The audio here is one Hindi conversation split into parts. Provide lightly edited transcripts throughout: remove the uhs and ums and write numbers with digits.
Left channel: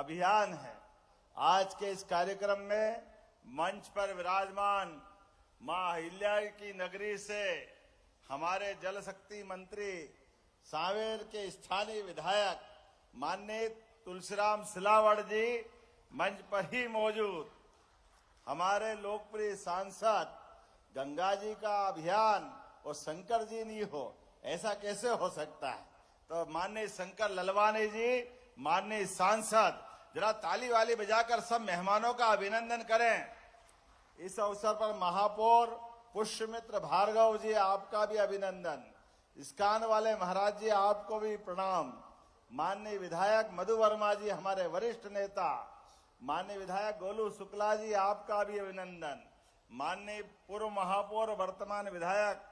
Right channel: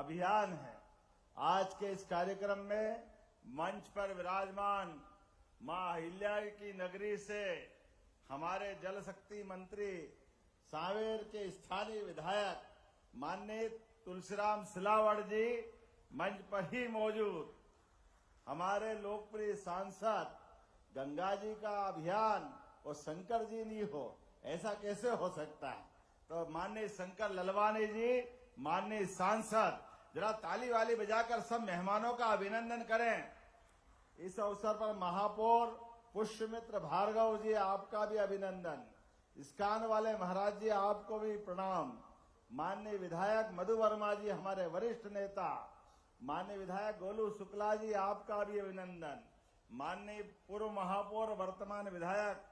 अभियान है। आज के इस कार्यक्रम में मंच पर विराजमान मां अहिल्या की नगरी से हमारे जल शक्ति मंत्री सांवेर के स्थानीय विधायक माननीय तुलसीराम सिलावट जी मंच पर ही मौजूद, हमारे लोकप्रिय सांसद गंगा जी का अभियान और शंकर जी नहीं हो, ऐसा कैसे हो सकता है। तो माननीय शंकर ललवानी जी, माननीय सांसद, जरा ताली वाली बजाकर सब मेहमानों का अभिनंदन करें। इस अवसर पर महापौर पुष्यमित्र भार्गव जी, आपका भी अभिनंदन। इस्कान वाले महाराज जी, आपको भी प्रणाम। माननीय विधायक मधु वर्मा जी, हमारे वरिष्ठ नेता, माननीय विधायक गोलू शुक्ला जी, आपका भी अभिनंदन। माननीय पूर्व महापौर वर्तमान विधायक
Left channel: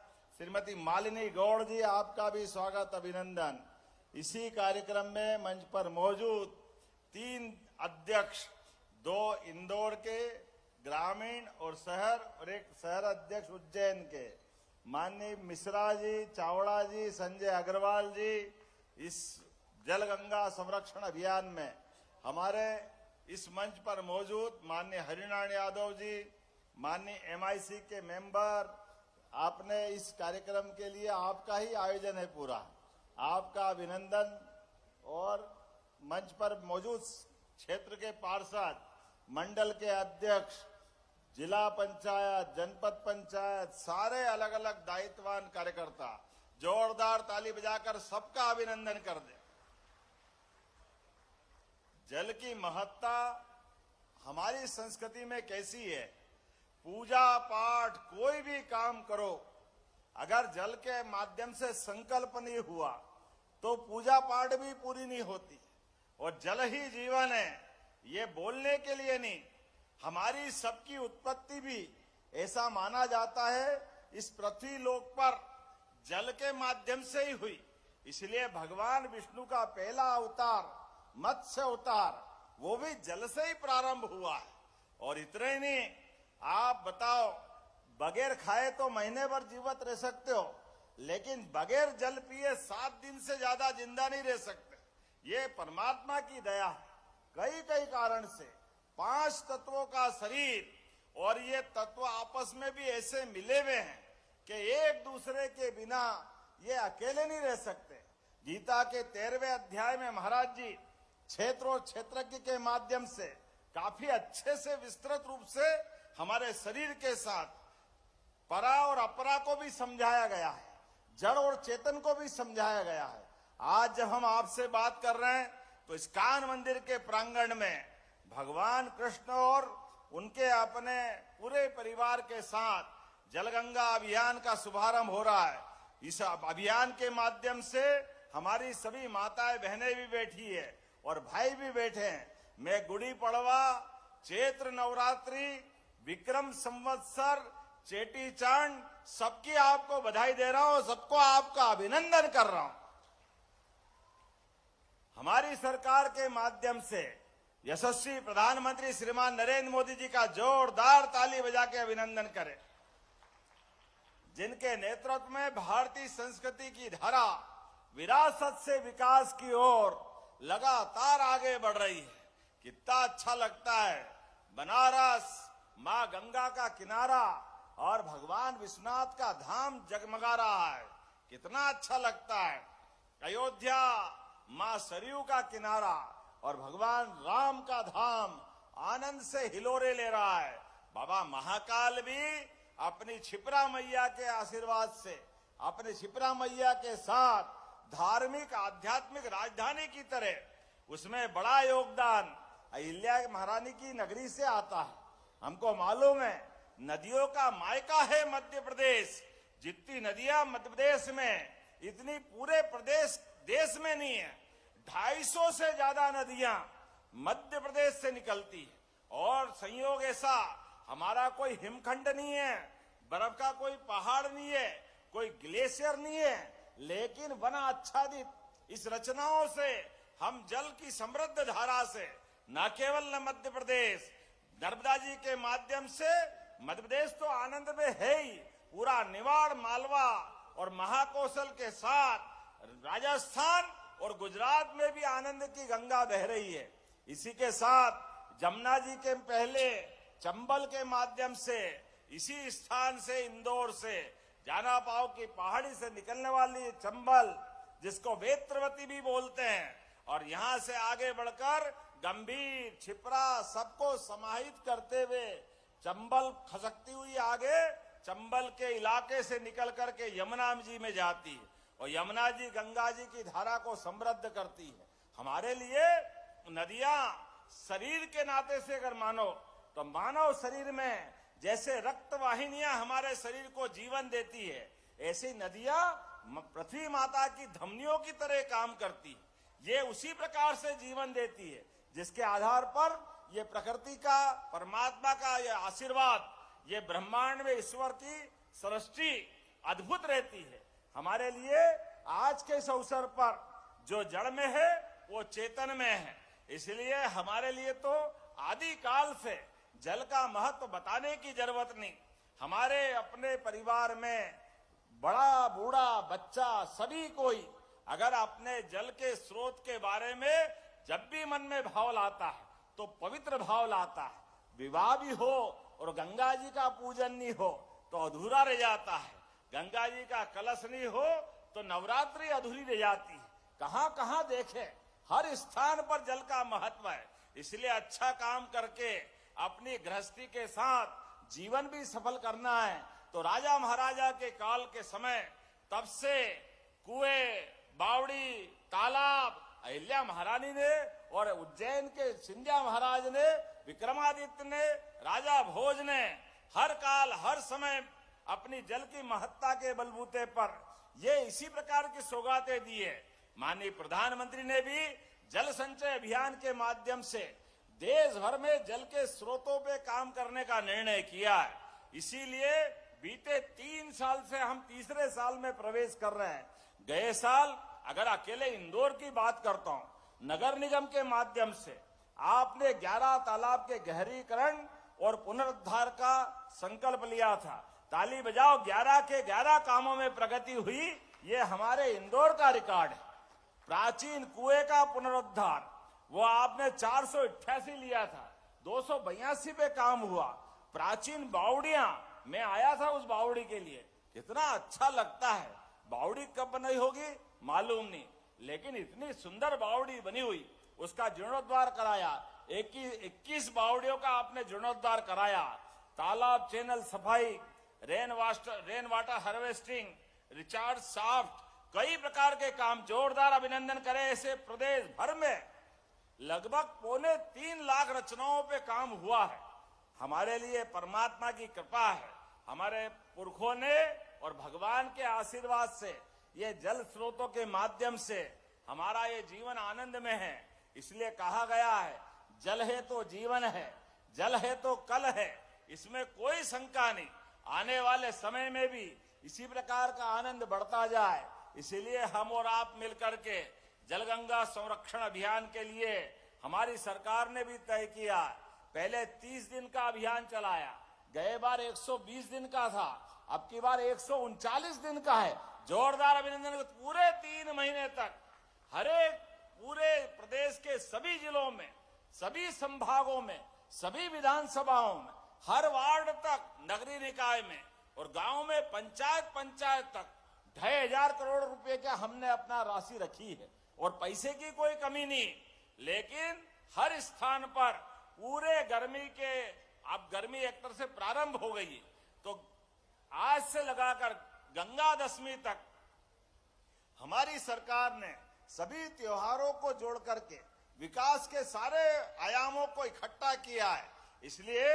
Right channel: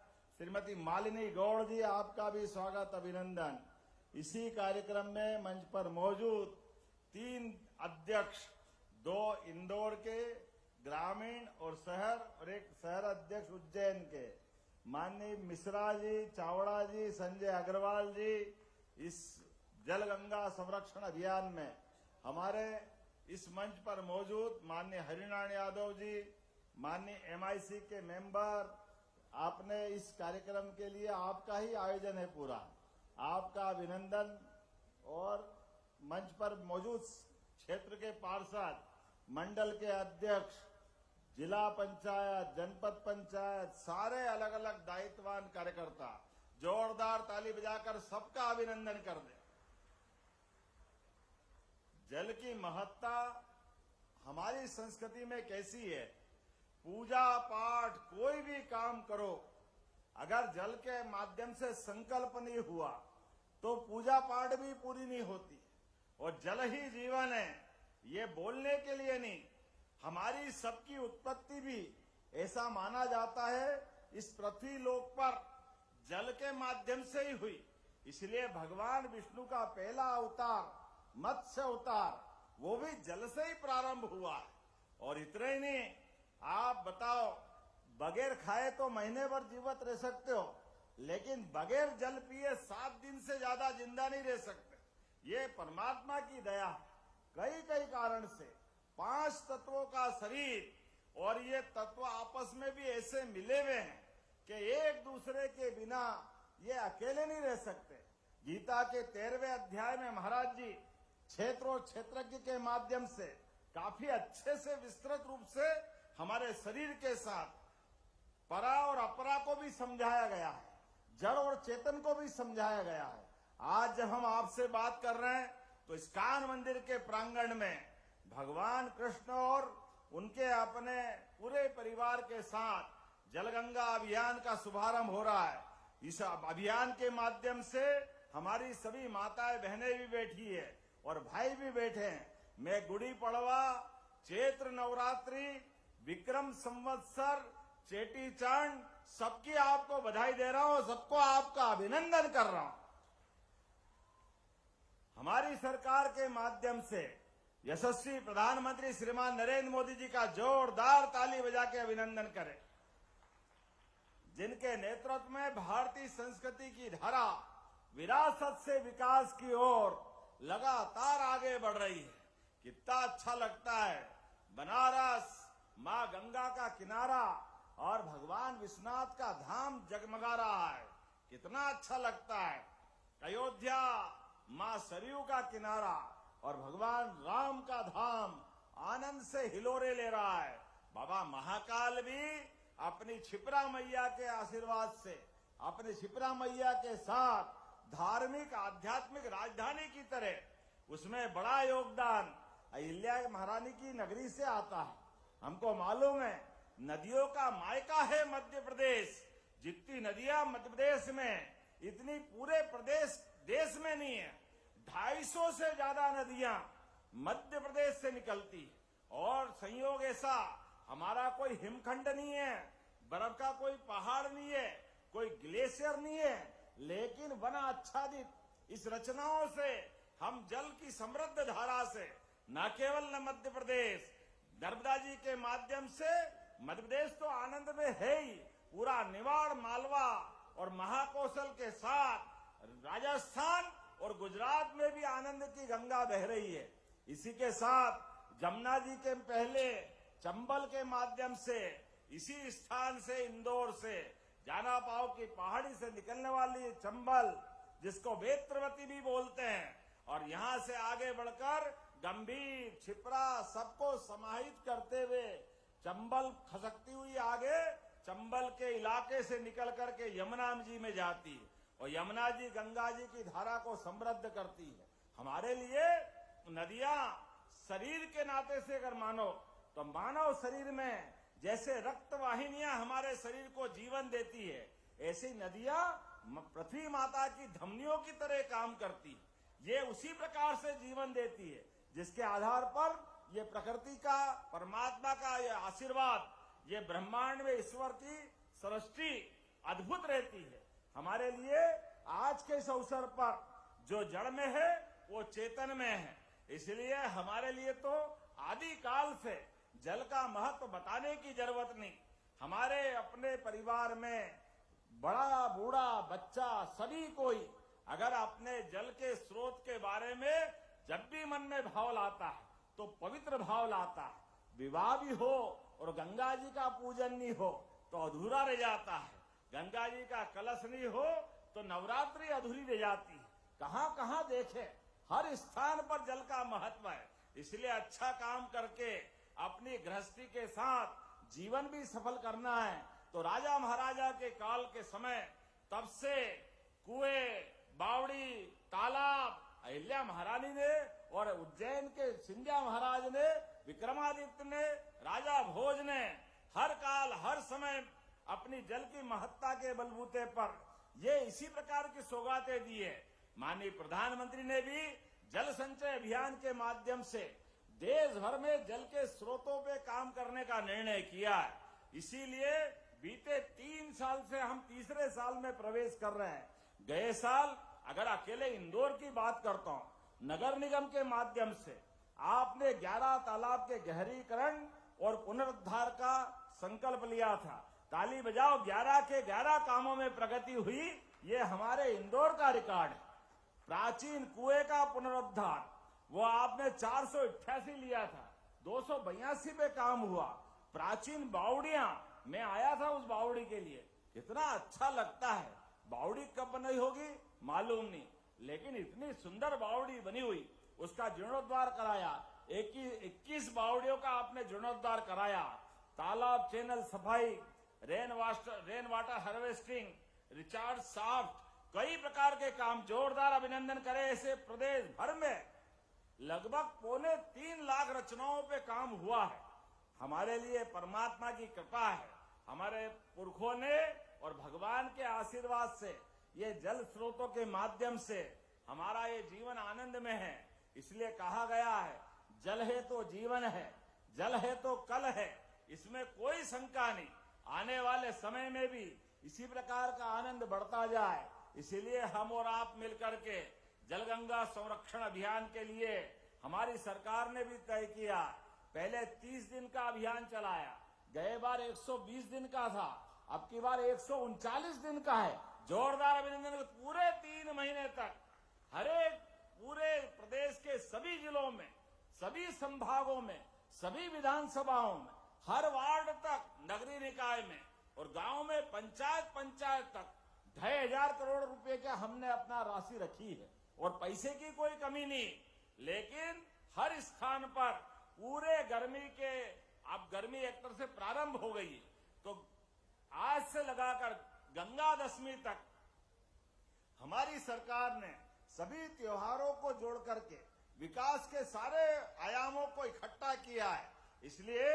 श्रीमती मालिनी गौड़ जी, आपका भी स्वागत अभिनंदन। इसी कार्यक्रम में मंच पर मौजूद 3 अध्यक्ष, 2 इंदौर के ग्रामीण और शहर और एक शहर अध्यक्ष उज्जैन के, माननीय मिश्रा जी, चावड़ा जी, संजय अग्रवाल जी, इस जल गंगा संरक्षण अभियान में हमारे इस मंच पर मौजूद माननीय हरिनारायण यादव जी, माननीय MIC के मेंबर, आपने इस कार्यक्रम के लिए आपका ही आयोजन है पूरा, आपका अभिनंदन। और मंच पर मौजूद क्षेत्र के पार्षद, मंडल के अध्यक्ष, जिला पंचायत, जनपद पंचायत, सारे अलग अलग दायित्ववान कार्यकर्ता, जोरदार ताली बजाकर सबका अभिनंदन कर दे। जल की महत्ता हमारी संस्कृति में कैसी है, पूजा पाठ कोई भी काम करो, अगर जल के माध्यम से संकल्प नहीं हुआ तो पूजा पाठ भी पूरी नहीं होती। और जल ही जीवन है, ये बोलने के लिए नहीं, हमारी सबकी उत्पत्ति भी ऐसा माना जाता है इस पृथ्वी लोक पर जल के माध्यम से ही हुई। इसलिए भगवान विष्णु का पहला अवतार मत्स्य अवतार, वो भी जल से ही प्रारंभ हुआ है। और इतना ही नहीं, आप बताओ, बगैर खाए तो महीने भर जीवित रह सकते हो, लेकिन बगैर जल पिए 7 दिन से ज्यादा जिंदा नहीं रह सकते। ये परमात्मा की दया है। कई कई कारण से 5 तत्वों का शरीर, और ये तत्व आपस में भी ऐसे मिले हुए हैं कि एक दूसरे के बिना ये अकेले नहीं रह सकते। गीता के 13वें अध्याय में महाराज जी क्षेत्र और क्षेत्रज्ञ के माध्यम से काफी अच्छे से विस्तृत रूप से हमारे शरीर के साथ परा और अपरा को भी समझाया गया है, जड़ और चेतन को भी समझाया गया है। आज जब हम आपसे बात कर रहे हैं तो इस्कान मंदिर के प्रांगण में भगवान कृष्ण और उनके अपने पूरे परिवार के साथ जलगंगा अभियान का शुभारंभ हो रहा है। इस अभियान के माध्यम से हमारी सभी माताएं बहनें भी बैठी है और भाई भी बैठे हैं। मैं गुड़ी पड़वा, चैत्र नवरात्रि, विक्रम संवत्सर, चेटी चांद, सबकी आपको बधाई दे रहा हूं, सबको आपका अभिनंदन कर रहा हूं। हमारी सरकार के माध्यम से यशस्वी प्रधानमंत्री श्रीमान नरेंद्र मोदी जी का जोरदार ताली बजा के अभिनंदन करें, जिनके नेतृत्व में भारतीय संस्कृति की धारा विरासत से विकास की ओर लगातार आगे बढ़ रही है। कितना अच्छा लगता है, बनारस मां गंगा का किनारा और भगवान विश्वनाथ का धाम जगमगा रहा है, कितना अच्छा लगता है। अयोध्या मां सरयू का किनारा और भगवान राम का धाम आनंद से हिलोरे ले रहा है। बाबा महाकाल भी अपनी क्षिप्रा मैया के आशीर्वाद से, अपनी क्षिप्रा मैया के साथ धार्मिक आध्यात्मिक राजधानी की तरह उसमें बड़ा योगदान अहिल्या महारानी की नगरी से आता है। हमको मालूम है नदियों का मायका है मध्य प्रदेश, जितनी नदियां मध्य प्रदेश में इतनी पूरे प्रदेश देश में नहीं है। 250 से ज्यादा नदियां मध्य प्रदेश से निकलती है। और संयोग ऐसा, हमारा कोई हिमखंड नहीं है, बर्फ का कोई पहाड़ नहीं है, कोई ग्लेशियर नहीं है, लेकिन वन आच्छादित इस रचनाओं से हम जल की समृद्ध धारा से न केवल मध्य प्रदेश, नर्मदा जी के माध्यम से मध्य प्रदेश तो आनंद में है ही, पूरा निवाड़ मालवा और महाकौशल के साथ राजस्थान और गुजरात में भी आनंद की गंगा बह रही है। इसी के साथ जमुना जी के पहले चंबल के माध्यम से इसी स्थान से इंदौर से जाना पाओ की पहाड़ी से निकलने वाली ये चंबल जिसको वेत्रवती भी बोलते हैं और यहां से आगे बढ़कर गंभीर छिपरा सबको समाहित करते हुए चंबल खसकती हुई आगे चंबल के इलाके से निकल करके यमुना जी में जाती है और यमुना जी गंगा जी की धारा को समृद्ध करती है। हमारे लिए नदियां शरीर के नाते से अगर मानो तो मानव शरीर में जैसे रक्त वाहिनियां हमारे शरीर को जीवन देती है, ऐसी नदियां पृथ्वी माता की धमनियों की तरह काम करती है। ये उसी प्रकार से जीवन देती है जिसके आधार पर ये प्रकृति का, परमात्मा का ये आशीर्वाद, ये ब्रह्मांड में ईश्वर की सृष्टि अद्भुत रहती है। हमारे लिए आज के इस अवसर पर जो जड़ में है वो चेतन में है, इसलिए हमारे लिए तो आदि काल से जल का महत्व बताने की जरूरत नहीं। हमारे अपने परिवार में बड़ा बूढ़ा बच्चा सभी कोई अगर अपने जल के स्रोत के बारे में जब भी मन में भाव लाता है तो पवित्र भाव लाता है। विवाह भी हो और गंगा जी का पूजन नहीं हो तो अधूरा रह जाता है, गंगा जी का कलश नहीं हो तो नवरात्रि अधूरी रह जाती है। कहां कहां देखे, हर स्थान पर जल का महत्व है। इसलिए अच्छा काम करके अपनी गृहस्थी के साथ जीवन भी सफल करना है तो राजा महाराजा के काल के समय तब से कुएं, बावड़ी, तालाब अहिल्या महारानी ने और उज्जैन के सिंधिया महाराज ने, विक्रमादित्य ने, राजा भोज ने हर काल हर समय अपनी जल की महत्ता के बलबूते पर ये इसी प्रकार की सौगातें दी है। माननीय प्रधानमंत्री ने भी जल संचय अभियान के माध्यम से देश भर में जल के स्रोतों पे काम करने का निर्णय किया है। इसीलिए बीते 3 साल से हम तीसरे साल में प्रवेश कर रहे हैं। गए साल अगर अकेले इंदौर की बात करता हूं, नगर निगम के माध्यम से आपने 11 तालाब के गहरीकरण और पुनरुद्धार का संकल्प लिया था। ताली बजाओ, 11 के 11 कामों में प्रगति हुई, ये हमारे इंदौर का रिकॉर्ड है। प्राचीन कुएं का पुनरुद्धार वो आपने 488 लिया था, 282 पे काम हुआ। प्राचीन बावड़ियां, मैं आया था उस बावड़ी के लिए, कितना अच्छा लगता है। बावड़ी कब बनाई होगी मालूम नहीं, लेकिन इतनी सुंदर बावड़ी बनी हुई, उसका जीर्णोद्धार कराया। 21 बावड़ियों का आपने जीर्णोद्धार कराया। तालाब चैनल सफाई, rain water harvesting, recharge shaft, कई प्रकार के काम, जोरदार अभिनंदन करें। ऐसे प्रदेश भर में लगभग 3.25 लाख रचनाओं पे काम हुआ है। हमारे लिए परमात्मा की कृपा है, हमारे पुरखों ने और भगवान के आशीर्वाद से ये जल स्रोतों के माध्यम से हमारा ये जीवन आनंद में है। इसलिए कहा गया है जल है तो जीवन है, जल है तो कल है, इसमें कोई शंका नहीं। आने वाले समय में भी इसी प्रकार का आनंद बढ़ता जाए, इसीलिए हम और आप मिलकर के जलगंगा संरक्षण अभियान के लिए हमारी सरकार ने भी तय किया। पहले 30 दिन का अभियान चलाया, गए बार 120 दिन का था, अब की बार 139 दिन का है। जोरदार अभिनंदन। पूरे 3 महीने तक हर एक पूरे प्रदेश के सभी जिलों में, सभी संभागों में, सभी विधानसभाओं में, हर वार्ड तक, नगरीय निकाय में और गांव में, पंचायत तक 2,500 करोड़ रुपए का हमने अपना राशि रखी है और पैसे की कोई कमी नहीं। लेकिन हर स्थान पर पूरे गर्मी के, अब गर्मी एक से प्रारंभ हो गई तो आज से लगाकर गंगा दशमी तक हमारी सरकार ने सभी त्योहारों को जोड़ करके विकास के सारे आयामों को इकट्ठा किया है। इसलिए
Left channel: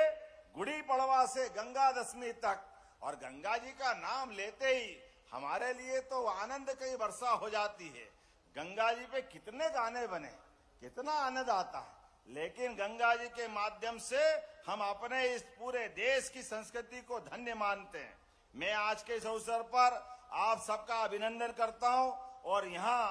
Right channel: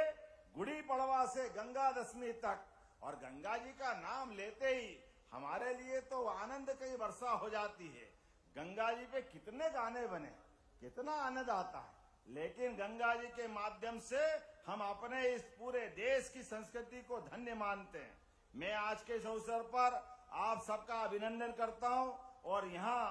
गुड़ी पड़वा से गंगा दशमी तक, और गंगा जी का नाम लेते ही हमारे लिए तो आनंद की वर्षा हो जाती है। गंगा जी पे कितने गाने बने, कितना आनंद आता है, लेकिन गंगा जी के माध्यम से हम अपने इस पूरे देश की संस्कृति को धन्य मानते हैं। मैं आज के इस अवसर पर आप सबका अभिनंदन करता हूं और यहाँ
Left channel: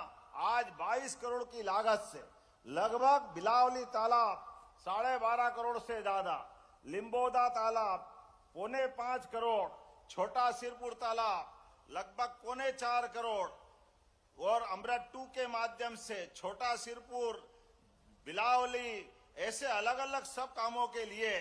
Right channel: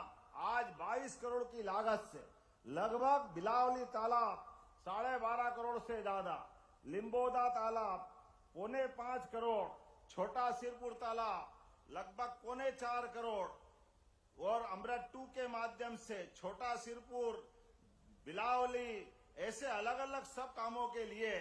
आज 22 करोड़ की लागत से लगभग बिलावली तालाब 12.5 करोड़ से ज्यादा, लिम्बोदा तालाब 4.25 करोड़, छोटा सिरपुर तालाब लगभग 4.25 करोड़ और अमृत 2 के माध्यम से छोटा सिरपुर, बिलावली, ऐसे अलग अलग सब कामों के लिए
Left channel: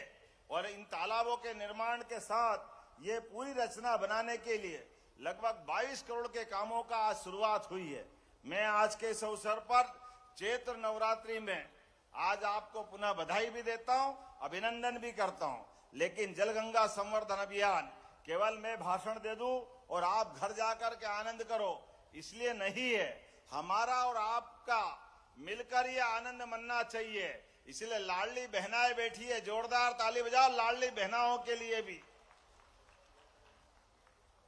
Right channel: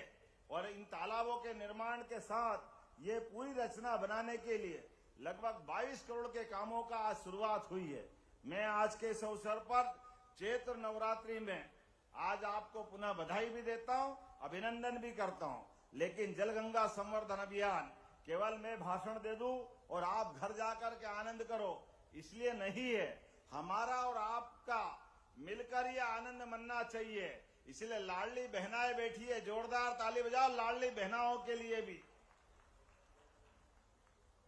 और इन तालाबों के निर्माण के साथ ये पूरी रचना बनाने के लिए लगभग 22 करोड़ के कामों का आज शुरुआत हुई है। मैं आज के इस अवसर पर चैत्र नवरात्रि में आज आपको पुनः बधाई भी देता हूं, अभिनंदन भी करता हूं। लेकिन जलगंगा संवर्धन अभियान केवल मैं भाषण दे दूं और आप घर जाकर के आनंद करो, इसलिए नहीं है। हमारा और आपका मिलकर ये आनंद मनना चाहिए। इसलिए लाडली बहनाएं बैठी है, जोरदार ताली बजाओ लाडली बहनाओं के लिए भी।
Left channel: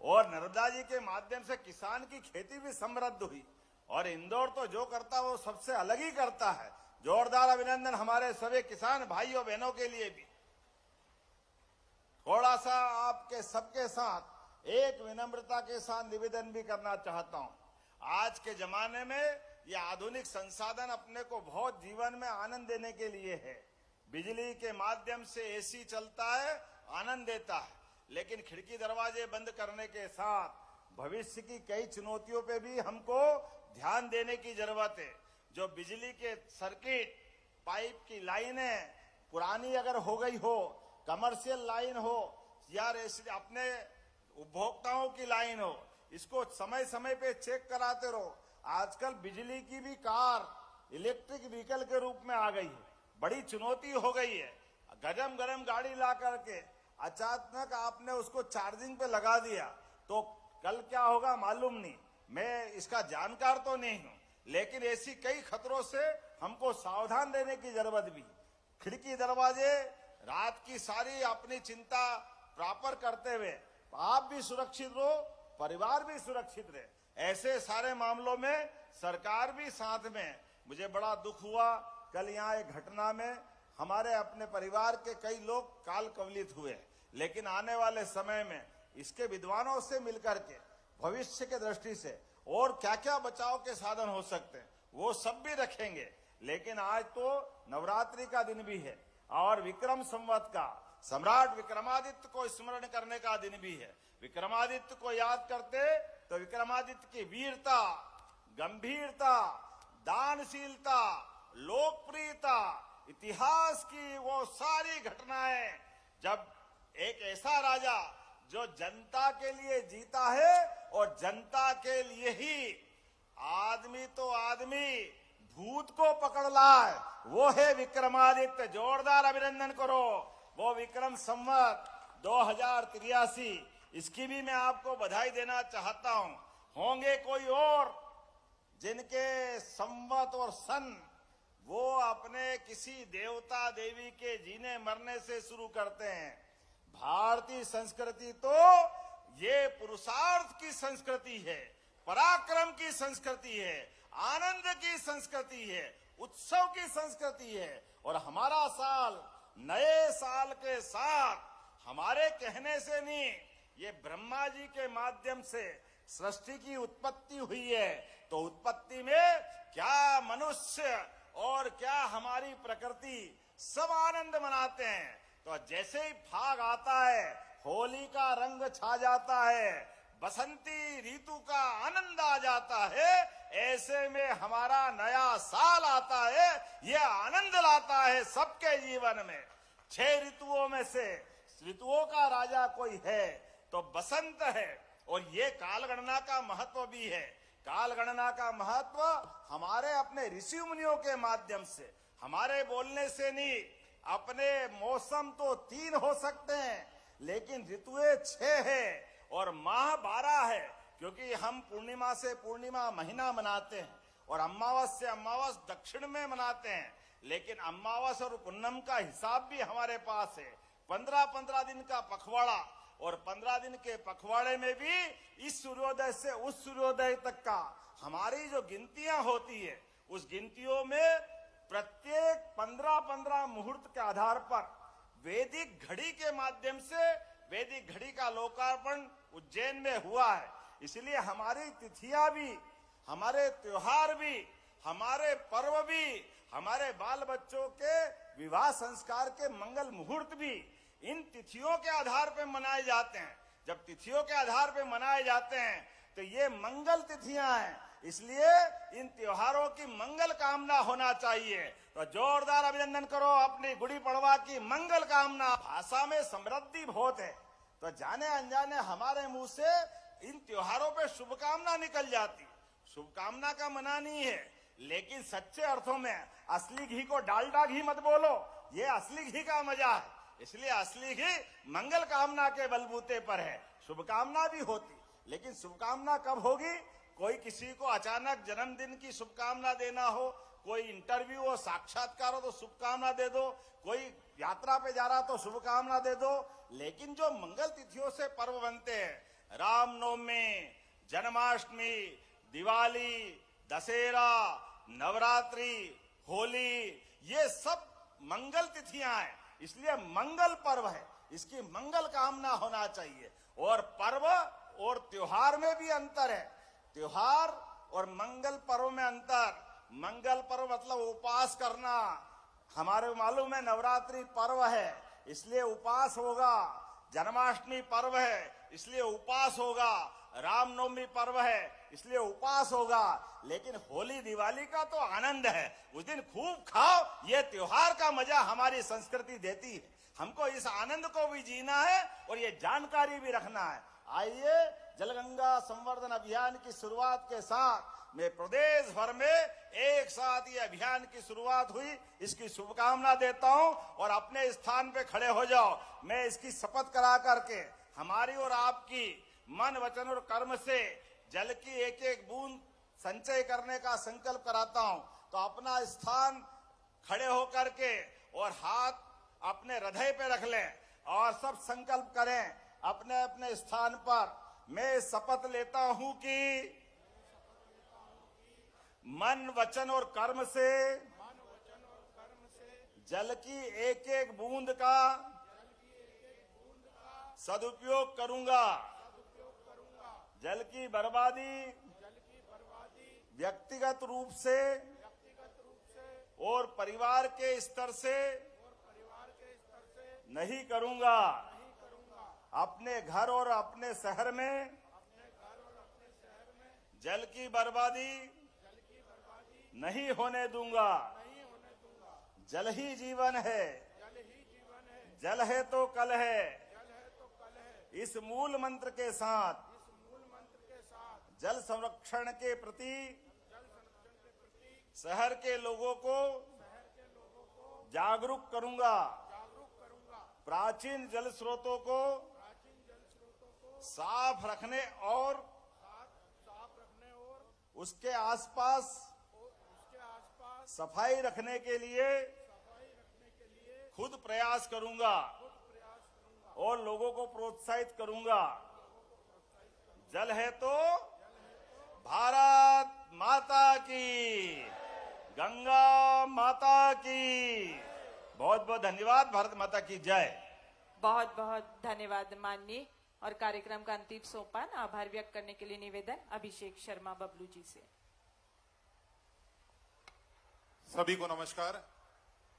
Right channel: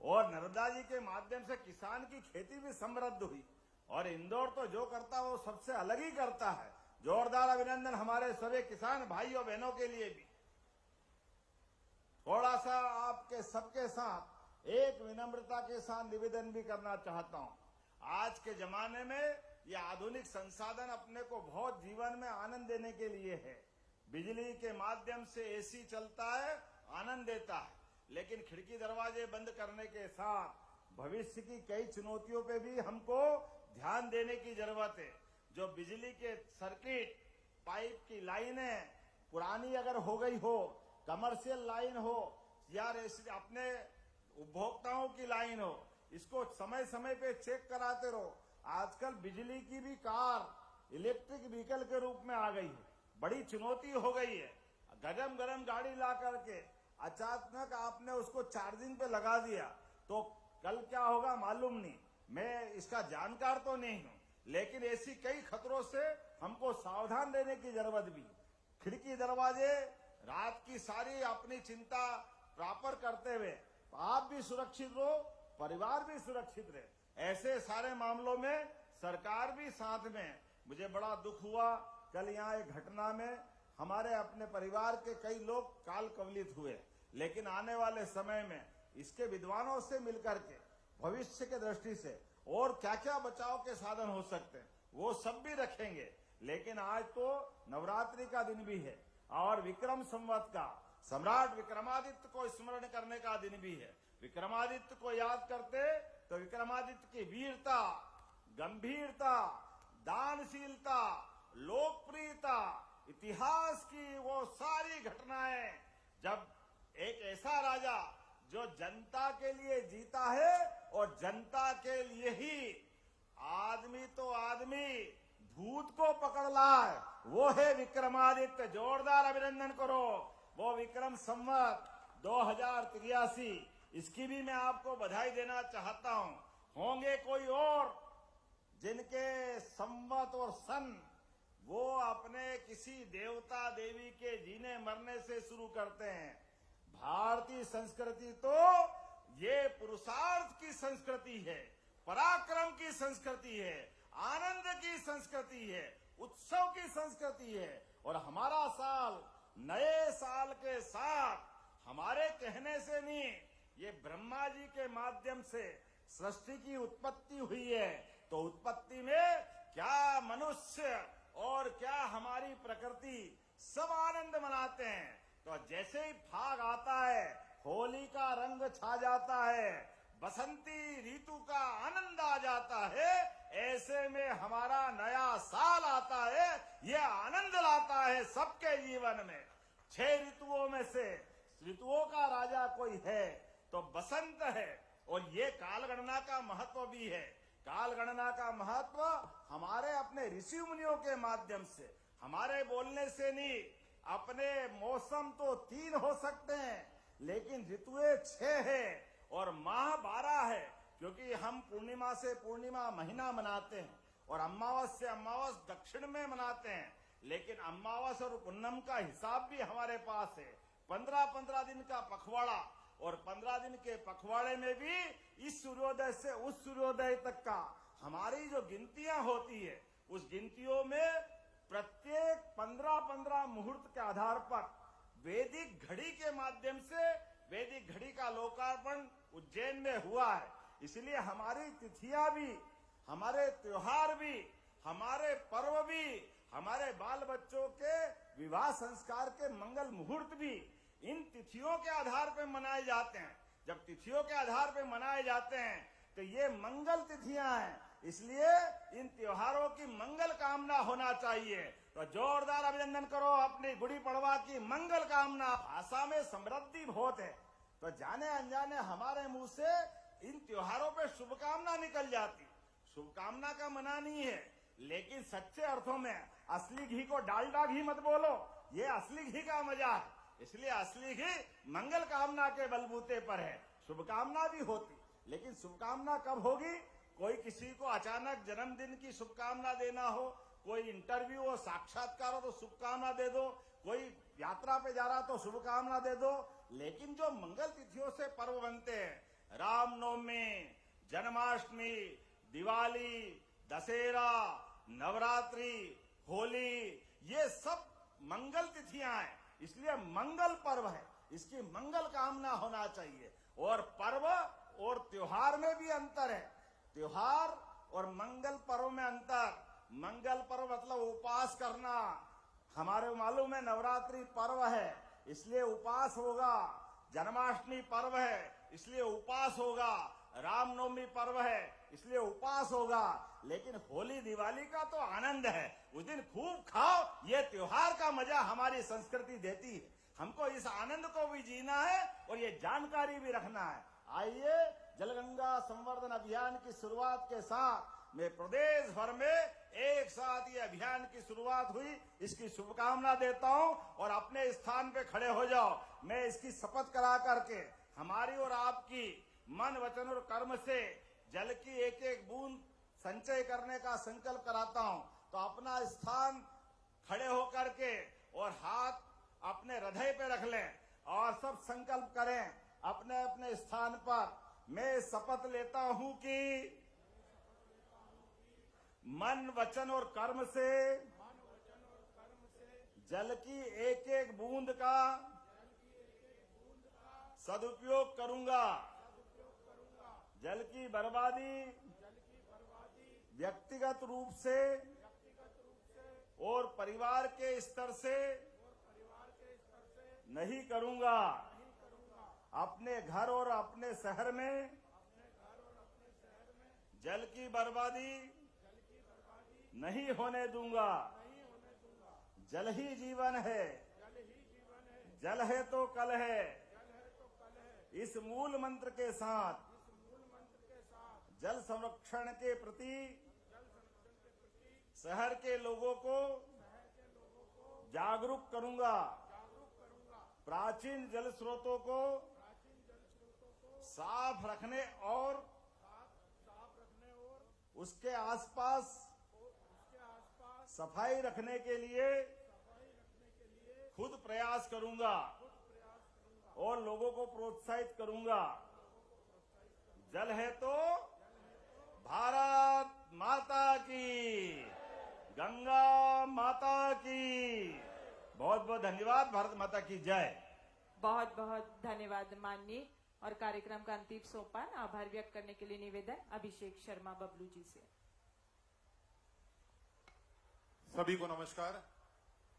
और नर्मदा जी के माध्यम से किसान की खेती भी समृद्ध हुई और इंदौर तो जो करता है वो सबसे अलग ही करता है। जोरदार अभिनंदन हमारे सभी किसान भाइयों बहनों के लिए भी। थोड़ा सा आपके सबके साथ एक विनम्रता के साथ निवेदन भी करना चाहता हूं। आज के जमाने में ये आधुनिक संसाधन अपने को बहुत जीवन में आनंद देने के लिए है। बिजली के माध्यम से एसी चलता है, आनंद देता है, लेकिन खिड़की दरवाजे बंद करने के साथ भविष्य की कई चुनौतियों पे भी हमको ध्यान देने की जरूरत है। जो बिजली के सर्किट पाइप की लाइनें पुरानी अगर हो गई हो, कमर्शियल लाइन हो या अपने उपभोक्ताओं की लाइन हो, इसको समय समय पे चेक कराते रहो। आजकल बिजली की भी कार इलेक्ट्रिक व्हीकल के रूप में आ गई है, बड़ी चुनौती हो गई है। गरम गरम गाड़ी ला करके अचानक आपने उसको चार्जिंग पे लगा दिया तो कल क्या होगा मालूम नहीं। मैं इसका जानकार तो नहीं हूं, लेकिन ऐसी कई खतरों से हमको सावधान रहने की जरूरत भी। खिड़की दरवाजे रात की सारी अपनी चिंता प्रॉपर करते हुए आप भी सुरक्षित रहो, परिवार भी सुरक्षित रहे। ऐसे सारे मामलों में सरकार भी साथ में। मुझे बड़ा दुख हुआ कल यहाँ एक घटना में हमारे अपने परिवार के कई लोग काल कवलित हुए, लेकिन आने वाले समय में इसके विद्वानों से मिलकर के भविष्य के दृष्टि से और क्या क्या बचाव के साधन हो सकते हैं वो सब भी रखेंगे। लेकिन आज तो नवरात्रि का दिन भी है और विक्रम संवत का सम्राट विक्रमादित्य को स्मरण करने का दिन भी है। विक्रमादित्य को याद करते तो विक्रमादित्य की वीरता, गंभीरता, दानशीलता, लोकप्रियता, इतिहास की वो सारी घटनाएं, जब एक ऐसा राजा जो जनता के लिए जीता है और जनता के लिए ही आदमी तो आदमी भूत को पकड़ लाए, वो है विक्रमादित्य। जोरदार अभिनंदन करो। वो विक्रम संवत 2083, इसकी भी मैं आपको बधाई देना चाहता हूं। होंगे कोई और जिनके संवत और सन वो अपने किसी देवता देवी के जीने मरने से शुरू करते हैं। भारतीय संस्कृति तो ये पुरुषार्थ की संस्कृति है, पराक्रम की संस्कृति है, आनंद की संस्कृति है, उत्सव की संस्कृति है। और हमारा साल नए साल के साथ हमारे कहने से नहीं, ये ब्रह्मा जी के माध्यम से सृष्टि की उत्पत्ति हुई है। तो उत्पत्ति में क्या मनुष्य और क्या हमारी प्रकृति सब आनंद मनाते हैं। तो जैसे ही फाग आता है, होली का रंग छा जाता है, बसंती ऋतु का आनंद आ जाता है, ऐसे में हमारा नया साल आता है, यह आनंद लाता है सबके जीवन में। 6 ऋतुओं में से ऋतुओं का राजा कोई है तो बसंत है। और ये काल गणना का महत्व भी है। काल गणना का महत्व हमारे अपने ऋषि मुनियों के माध्यम से, हमारे बोलने से नहीं। अपने मौसम तो 3 हो सकते हैं, लेकिन ऋतुएं 6 है और माह 12 है, क्योंकि हम पूर्णिमा से पूर्णिमा महीना मनाते हैं और अमावस से अमावस दक्षिण में मनाते हैं। लेकिन अमावस और पूनम का हिसाब भी हमारे पास है। 15-15 दिन का पखवाड़ा और 15 दिन के पखवाड़े में भी इस सूर्योदय से उस सूर्योदय तक का हमारी जो गिनतियां होती है, उस गिनतियों में प्रत्येक 15-15 मुहूर्त के आधार पर वैदिक घड़ी के माध्यम से वैदिक घड़ी का लोकार्पण उज्जैन में हुआ है। इसलिए हमारी तिथियां भी, हमारे त्योहार भी, हमारे पर्व भी, हमारे बाल बच्चों के विवाह संस्कार के मंगल मुहूर्त भी इन तिथियों के आधार पर मनाए जाते हैं। जब तिथियों के आधार पर मनाए जाते हैं तो ये मंगल तिथियां हैं। इसलिए इन त्योहारों की मंगल कामना होना चाहिए। तो जोरदार अभिनंदन करो अपनी गुड़ी पड़वा की मंगल कामना। भाषा में समृद्धि बहुत है, तो जाने अनजाने हमारे मुंह से इन त्योहारों पे शुभकामना निकल जाती। शुभकामना का मना नहीं है, लेकिन सच्चे अर्थों में असली घी को डालडा घी मत बोलो, ये असली घी का मजा है। इसलिए असली घी मंगल कामना के बलबूते पर है। शुभकामना भी होती, लेकिन शुभकामना कब होगी? कोई किसी को अचानक जन्मदिन की शुभकामना देना हो, कोई इंटरव्यू हो, साक्षात्कार हो तो शुभकामना दे दो, कोई यात्रा पे जा रहा तो शुभकामना दे दो। लेकिन जो मंगल तिथियों से पर्व बनते हैं, रामनवमी, जन्माष्टमी, दिवाली, दशहरा, नवरात्रि, होली, ये सब मंगल तिथियां हैं, इसलिए मंगल पर्व है, इसकी मंगल कामना होना चाहिए। और पर्व और त्योहार में भी अंतर है, त्योहार और मंगल पर्व में अंतर। मंगल पर्व मतलब उपवास करना, हमारे मालूम है नवरात्रि पर्व है इसलिए उपवास होगा, जन्माष्टमी पर्व है इसलिए उपवास होगा, रामनवमी पर्व है इसलिए उपवास होगा। लेकिन होली दिवाली का तो आनंद है, उस दिन खूब खाओ, ये त्योहार का मजा हमारी संस्कृति देती है। हमको इस आनंद को भी जीना है और ये जानकारी भी रखना है। आइए जलगंगा संवर्धन अभियान की शुरुआत के साथ मैं प्रदेश भर में एक साथ ये अभियान की शुरुआत हुई, इसकी शुभकामना देता हूं। और अपने स्थान पे खड़े हो जाओ, मैं इसकी शपथ करा करके हमारी और आपकी मन वचन और कर्म से जल की एक एक बूंद संचय करने का संकल्प कराता हूं। तो अपना स्थान खड़े होकर के और हाथ अपने हृदय पे रख लें और सब संकल्प करें अपने अपने स्थान पर। मैं शपथ लेता हूं कि मन वचन और कर्म से जल की एक एक बूंद का सदुपयोग करूंगा। जल की बर्बादी व्यक्तिगत रूप से और परिवार के स्तर से नहीं करूंगा। अपने घर और अपने शहर में जल की बर्बादी नहीं होने दूंगा। जल ही जीवन है, जल है तो कल है। इस मूल मंत्र के साथ जल संरक्षण के प्रति शहर के लोगों को जागरूक करूंगा। प्राचीन जल स्रोतों को साफ रखने और उसके आसपास सफाई रखने के लिए खुद प्रयास करूंगा और लोगों को प्रोत्साहित करूंगा। जल है तो भारत माता की, गंगा माता की। बहुत बहुत धन्यवाद। भारत माता की जय। बहुत बहुत धन्यवाद माननीय। और कार्यक्रम का अंतिम सोपान आभार व्यक्त करने के लिए निवेदन अभिषेक शर्मा बबलू जी से। सभी को नमस्कार।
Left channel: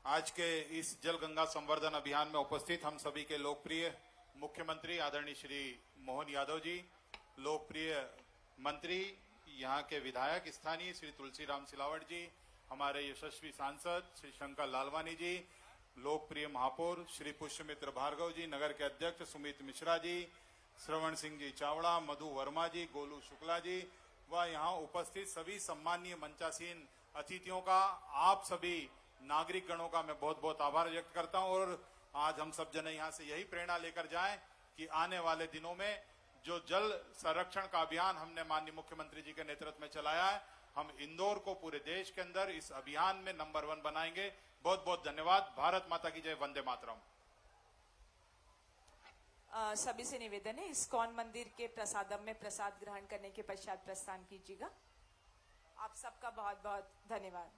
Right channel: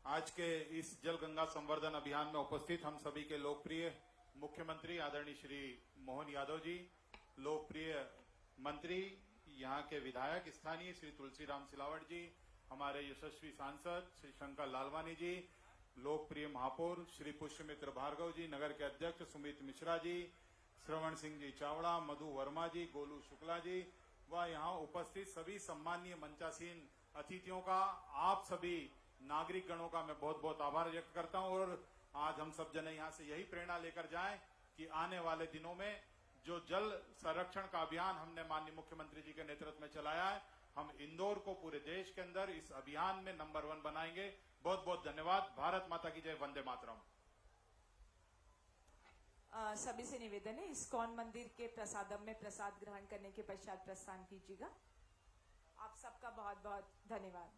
आज के इस जल गंगा संवर्धन अभियान में उपस्थित हम सभी के लोकप्रिय मुख्यमंत्री आदरणीय श्री मोहन यादव जी, लोकप्रिय मंत्री, यहाँ के विधायक स्थानीय श्री तुलसीराम सिलावट जी, हमारे यशस्वी सांसद श्री शंकर लालवानी जी, लोकप्रिय महापौर श्री पुष्यमित्र भार्गव जी, नगर के अध्यक्ष सुमित मिश्रा जी, श्रवण सिंह जी चावड़ा, मधु वर्मा जी, गोलू शुक्ला जी व यहाँ उपस्थित सभी सम्मानीय मंचासीन अतिथियों का, आप सभी नागरिक गणों का मैं बहुत बहुत आभार व्यक्त करता हूं। और आज हम सब जने यहाँ से यही प्रेरणा लेकर जाएं कि आने वाले दिनों में जो जल संरक्षण का अभियान हमने माननीय मुख्यमंत्री जी के नेतृत्व में चलाया है, हम इंदौर को पूरे देश के अंदर इस अभियान में नंबर 1 बनाएंगे। बहुत बहुत धन्यवाद। भारत माता की जय। वंदे मातरम। सभी से निवेदन है, इस्कॉन मंदिर के प्रसादम में प्रसाद ग्रहण करने के पश्चात प्रस्थान कीजिएगा। आप सबका बहुत बहुत धन्यवाद।